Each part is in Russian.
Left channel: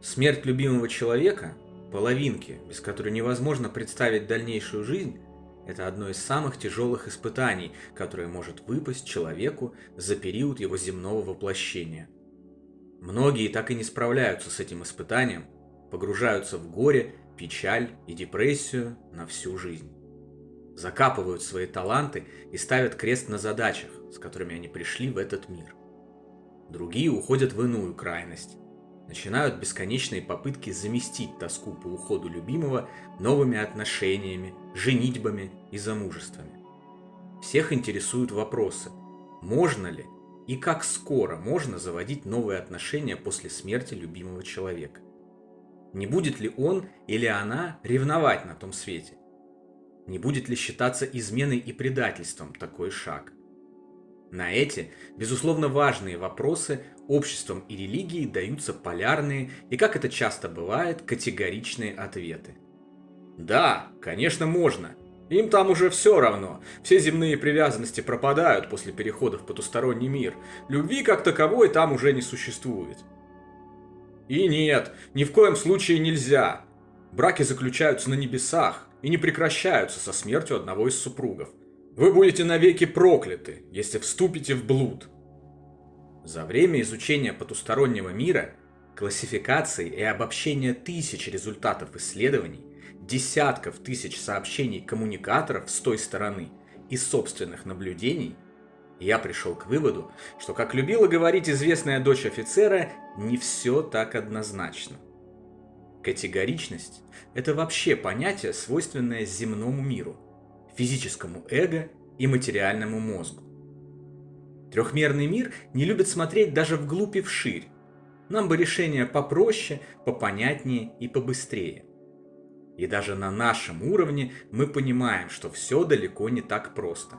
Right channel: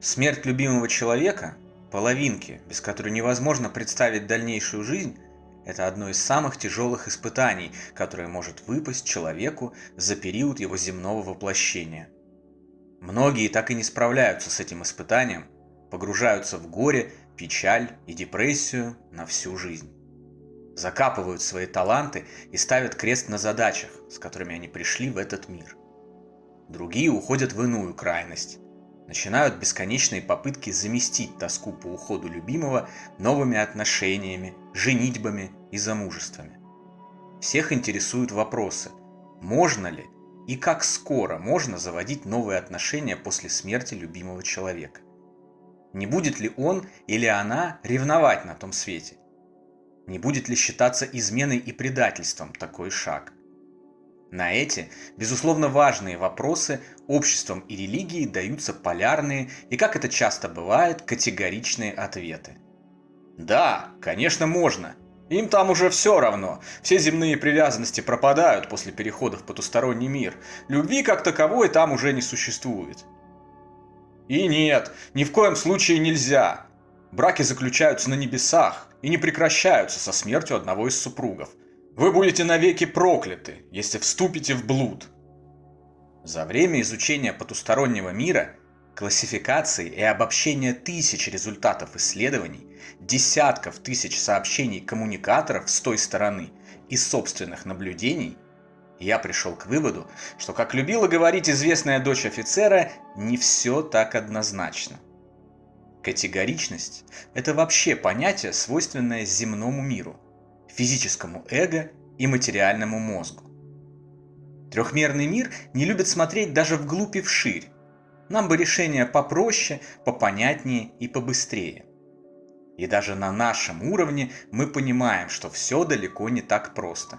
Смерть любимого человека, половинки, без которой невозможно представить дальнейшую жизнь, это одно из самых тяжелых испытаний, которое может выпасть человеку за период его земного воплощения. Многие так и не справляются с этим испытанием, погружаются в горе, печаль и депрессию на всю жизнь. Закапывают свои таланты и ставят крест на задачах, с которыми они пришли в этот мир. Другие уходят в иную крайность. Начинают бесконечные попытки заместить тоску по уходу любимого новыми отношениями, женитьбами и замужествами. Всех интересуют вопросы: можно ли и как скоро можно заводить новые отношения после смерти любимого человека? Не будет ли он или она ревновать на том свете? Не будет ли считаться изменой и предательством такой шаг? На эти, безусловно, важные вопросы обществом и религией даются полярные и, как это часто бывает, категоричные ответы. Да, конечно, можно. Им там уже все равно. Все земные привязанности пропадают после перехода в потусторонний мир. Любви как таковой там уже не существует. И нет, ни в коем случае нельзя. Браки заключаются на небесах и не прекращаются со смертью одного из супругов. Вы будете навеки прокляты, если вступите в блуд. За время изучения потустороннего мира, классификации и обобщения тысяч результатов исследований, десятков тысяч сообщений коммуникаторов с той стороны и собственных наблюдений, я пришел к выводу, что, как любила говорить известная дочь офицера, не все так однозначно. Категоричность – это вообще понятие, свойственное земному миру, физическому эго и материальному мозгу. Трехмерный мир не любит смотреть даже вглубь и вширь. Нам бы решение попроще, попонятнее и побыстрее. И даже на нашем уровне мы понимаем, что все далеко не так просто.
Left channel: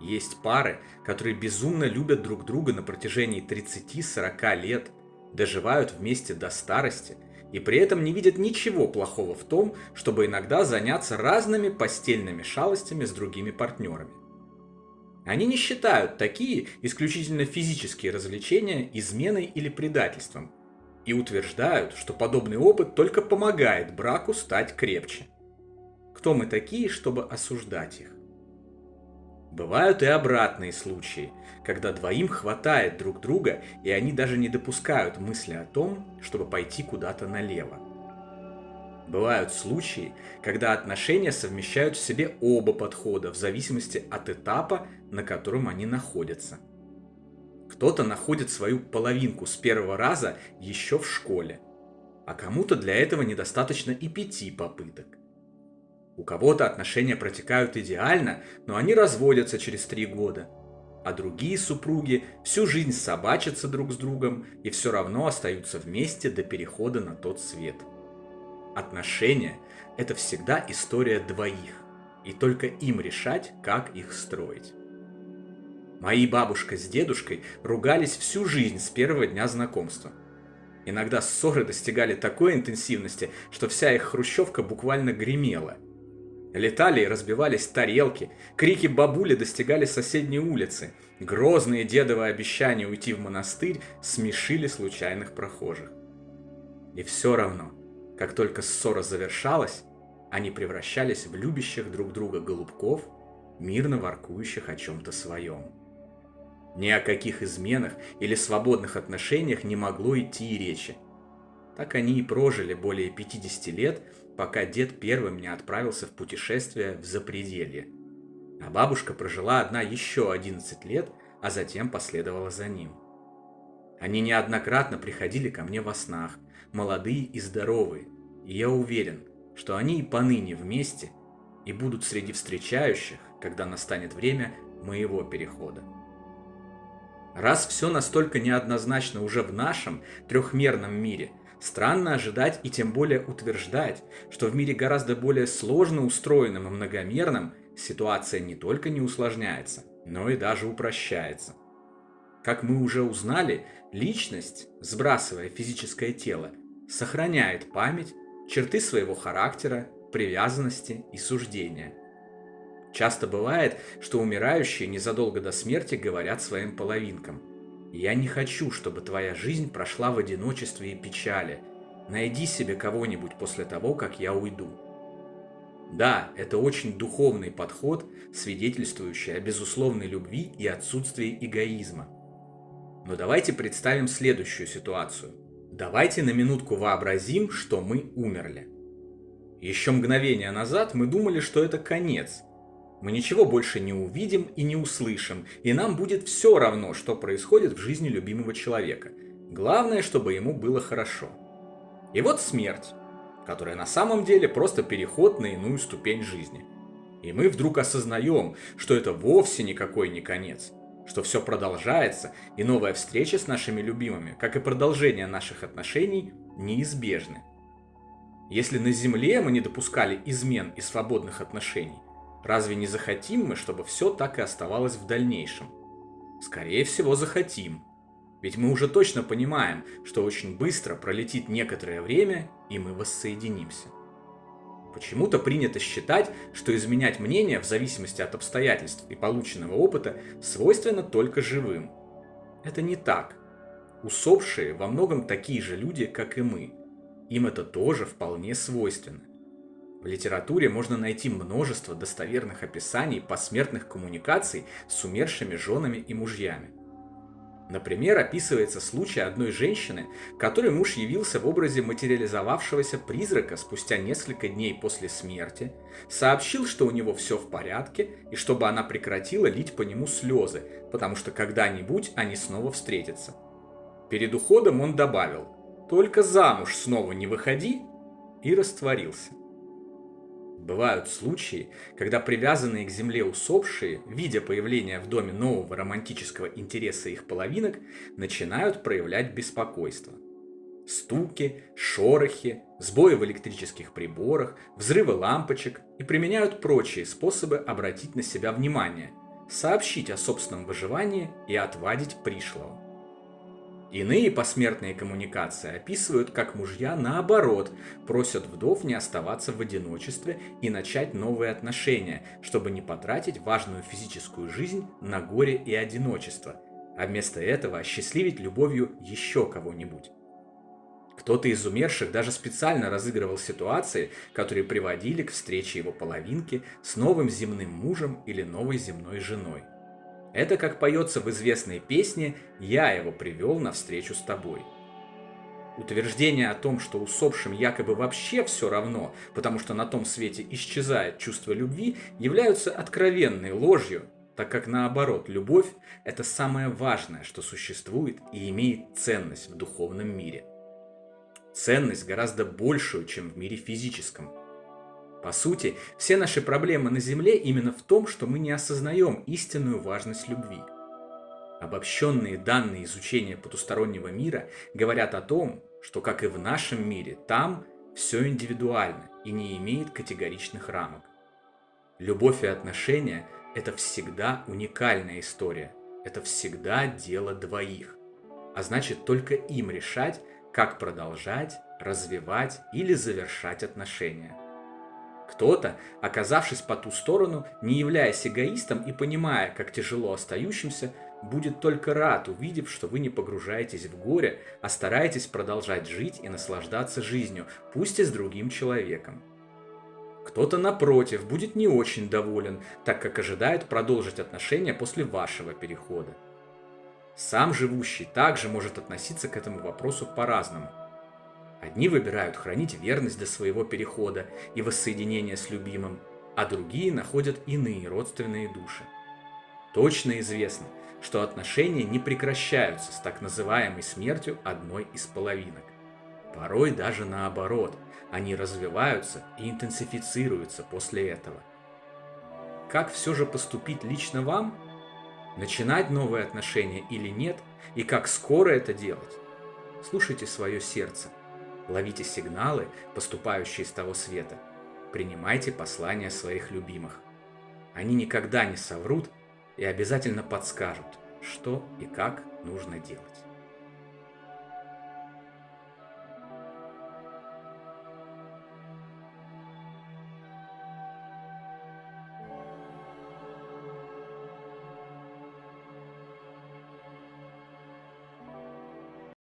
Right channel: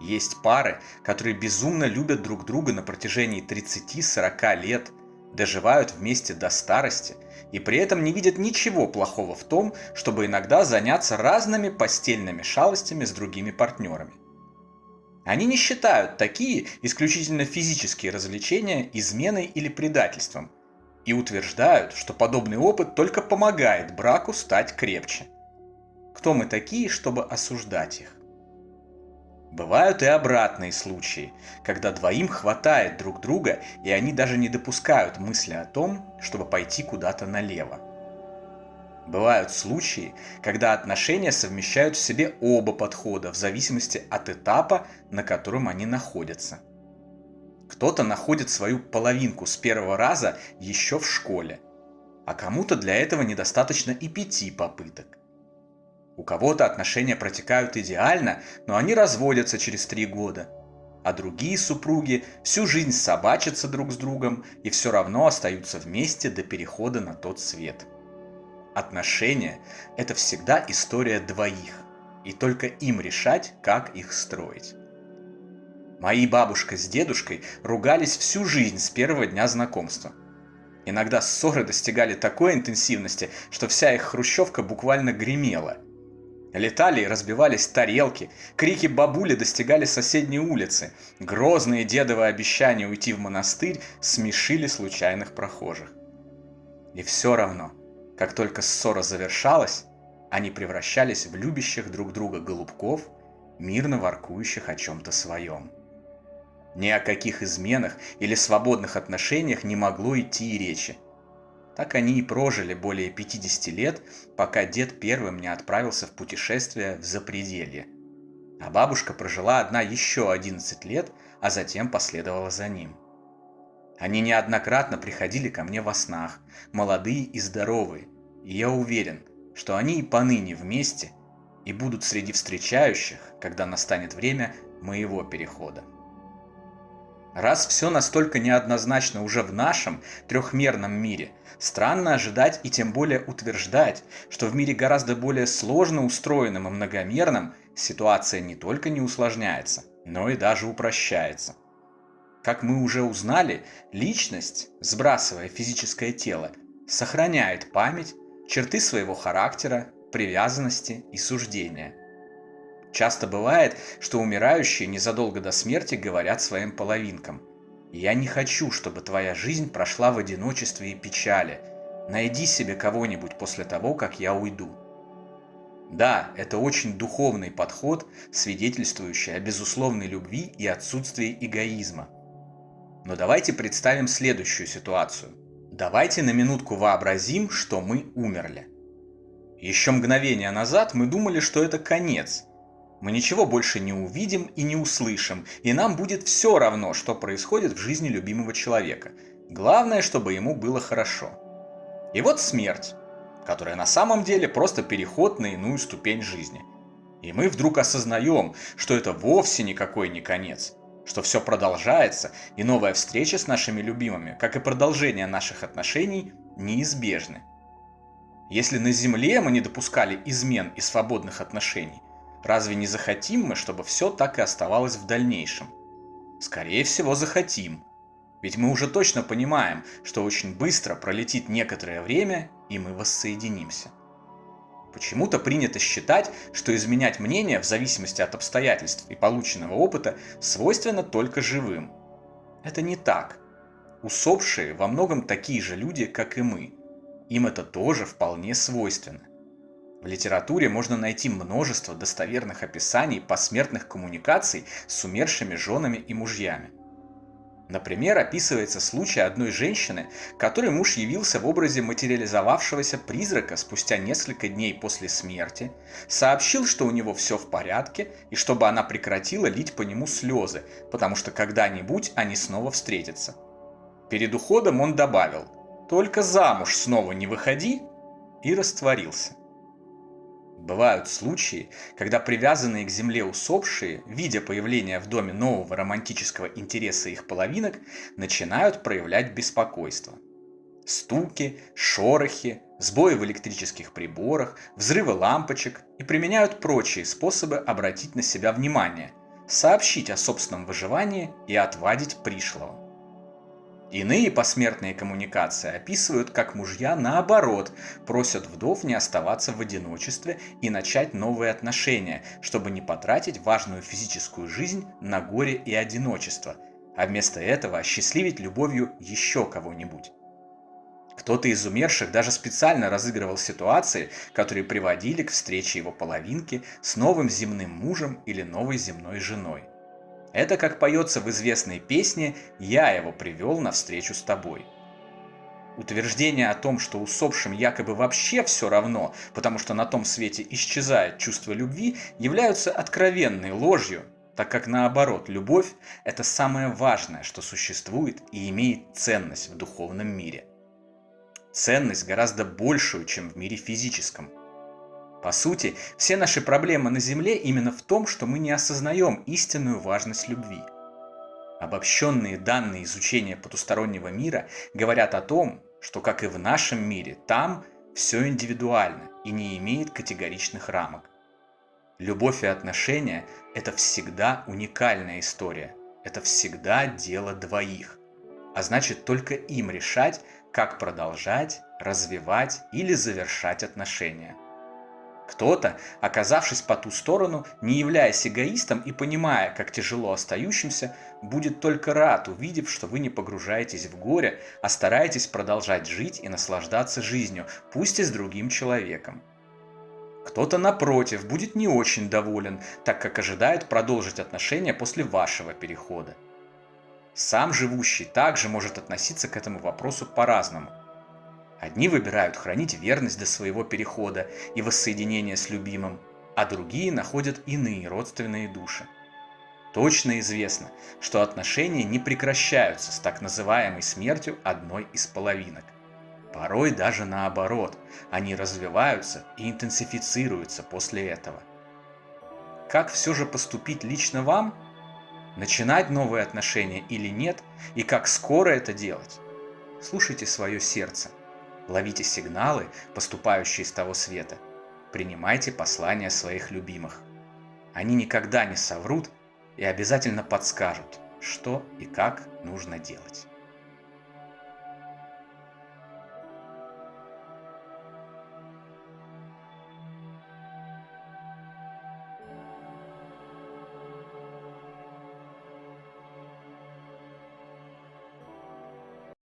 Есть пары, которые безумно любят друг друга на протяжении 30-40 лет, доживают вместе до старости и при этом не видят ничего плохого в том, чтобы иногда заняться разными постельными шалостями с другими партнерами. Они не считают такие исключительно физические развлечения изменой или предательством и утверждают, что подобный опыт только помогает браку стать крепче. Кто мы такие, чтобы осуждать их? Бывают и обратные случаи, когда двоим хватает друг друга, и они даже не допускают мысли о том, чтобы пойти куда-то налево. Бывают случаи, когда отношения совмещают в себе оба подхода в зависимости от этапа, на котором они находятся. Кто-то находит свою половинку с первого раза еще в школе, а кому-то для этого недостаточно и 5 попыток. У кого-то отношения протекают идеально, но они разводятся через 3 года, а другие супруги всю жизнь собачатся друг с другом и все равно остаются вместе до перехода на тот свет. Отношения – это всегда история двоих, и только им решать, как их строить. Мои бабушка с дедушкой ругались всю жизнь с первого дня знакомства. Иногда ссоры достигали такой интенсивности, что вся их хрущевка буквально гремела. Летали и разбивались тарелки, крики бабули достигали соседней улицы, грозные дедовы обещания уйти в монастырь смешили случайных прохожих. И все равно, как только ссора завершалась, они превращались в любящих друг друга голубков, мирно воркующих о чем-то своем. Ни о каких изменах или свободных отношениях не могло идти и речи. Так они и прожили более 50 лет, пока дед первым не отправился в путешествие в запределье. А бабушка прожила одна еще 11 лет, а затем последовала за ним. Они неоднократно приходили ко мне во снах, молодые и здоровые, и я уверен, что они и поныне вместе и будут среди встречающих, когда настанет время моего перехода. Раз все настолько неоднозначно уже в нашем трехмерном мире, странно ожидать и тем более утверждать, что в мире гораздо более сложно устроенном и многомерном ситуация не только не усложняется, но и даже упрощается. Как мы уже узнали, личность, сбрасывая физическое тело, сохраняет память, черты своего характера, привязанности и суждения. Часто бывает, что умирающие незадолго до смерти говорят своим половинкам: «Я не хочу, чтобы твоя жизнь прошла в одиночестве и печали. Найди себе кого-нибудь после того, как я уйду. Да, это очень духовный подход, свидетельствующий о безусловной любви и отсутствии эгоизма. Но давайте представим следующую ситуацию. Давайте на минутку вообразим, что мы умерли. Еще мгновение назад мы думали, что это конец. Мы ничего больше не увидим и не услышим, и нам будет все равно, что происходит в жизни любимого человека. Главное, чтобы ему было хорошо. И вот смерть, которая на самом деле просто переход на иную ступень жизни. И мы вдруг осознаем, что это вовсе никакой не конец, что все продолжается, и новая встреча с нашими любимыми, как и продолжение наших отношений, неизбежны. Если на Земле мы не допускали измен и свободных отношений, разве не захотим мы, чтобы все так и оставалось в дальнейшем? Скорее всего, захотим. Ведь мы уже точно понимаем, что очень быстро пролетит некоторое время, и мы воссоединимся. Почему-то принято считать, что изменять мнение в зависимости от обстоятельств и полученного опыта свойственно только живым. Это не так. Усопшие во многом такие же люди, как и мы. Им это тоже вполне свойственно. В литературе можно найти множество достоверных описаний посмертных коммуникаций с умершими женами и мужьями. Например, описывается случай одной женщины, которой муж явился в образе материализовавшегося призрака спустя несколько дней после смерти, сообщил, что у него все в порядке и чтобы она прекратила лить по нему слезы, потому что когда-нибудь они снова встретятся. Перед уходом он добавил: «Только замуж снова не выходи», и растворился. Бывают случаи, когда привязанные к земле усопшие, видя появление в доме нового романтического интереса их половинок, начинают проявлять беспокойство. Стуки, шорохи, сбои в электрических приборах, взрывы лампочек и применяют прочие способы обратить на себя внимание, сообщить о собственном выживании и отвадить пришлого. Иные посмертные коммуникации описывают, как мужья, наоборот, просят вдов не оставаться в одиночестве и начать новые отношения, чтобы не потратить важную физическую жизнь на горе и одиночество, а вместо этого осчастливить любовью еще кого-нибудь. Кто-то из умерших даже специально разыгрывал ситуации, которые приводили к встрече его половинки с новым земным мужем или новой земной женой. Это, как поется в известной песне, «Я его привел на встречу с тобой». Утверждение о том, что усопшим якобы вообще все равно, потому что на том свете исчезает чувство любви, являются откровенной ложью, так как наоборот, любовь – это самое важное, что существует и имеет ценность в духовном мире. Ценность гораздо большую, чем в мире физическом. По сути, все наши проблемы на Земле именно в том, что мы не осознаем истинную важность любви. Обобщенные данные изучения потустороннего мира говорят о том, что, как и в нашем мире, там все индивидуально и не имеет категоричных рамок. Любовь и отношения – это всегда уникальная история, это всегда дело двоих, а значит только им решать, как продолжать, развивать или завершать отношения. Кто-то, оказавшись по ту сторону, не являясь эгоистом и понимая, как тяжело остающимся, будет только рад, увидев, что вы не погружаетесь в горе, а стараетесь продолжать жить и наслаждаться жизнью, пусть и с другим человеком. Кто-то, напротив, будет не очень доволен, так как ожидает продолжить отношения после вашего перехода. Сам живущий также может относиться к этому вопросу по-разному. Одни выбирают хранить верность до своего перехода и воссоединения с любимым, а другие находят иные родственные души. Точно известно, что отношения не прекращаются с так называемой смертью одной из половинок. Порой даже наоборот, они развиваются и интенсифицируются после этого. Как все же поступить лично вам? Начинать новые отношения или нет, и как скоро это делать? Слушайте свое сердце. Ловите сигналы, поступающие из того света. Принимайте послания своих любимых. Они никогда не соврут и обязательно подскажут, что и как нужно делать.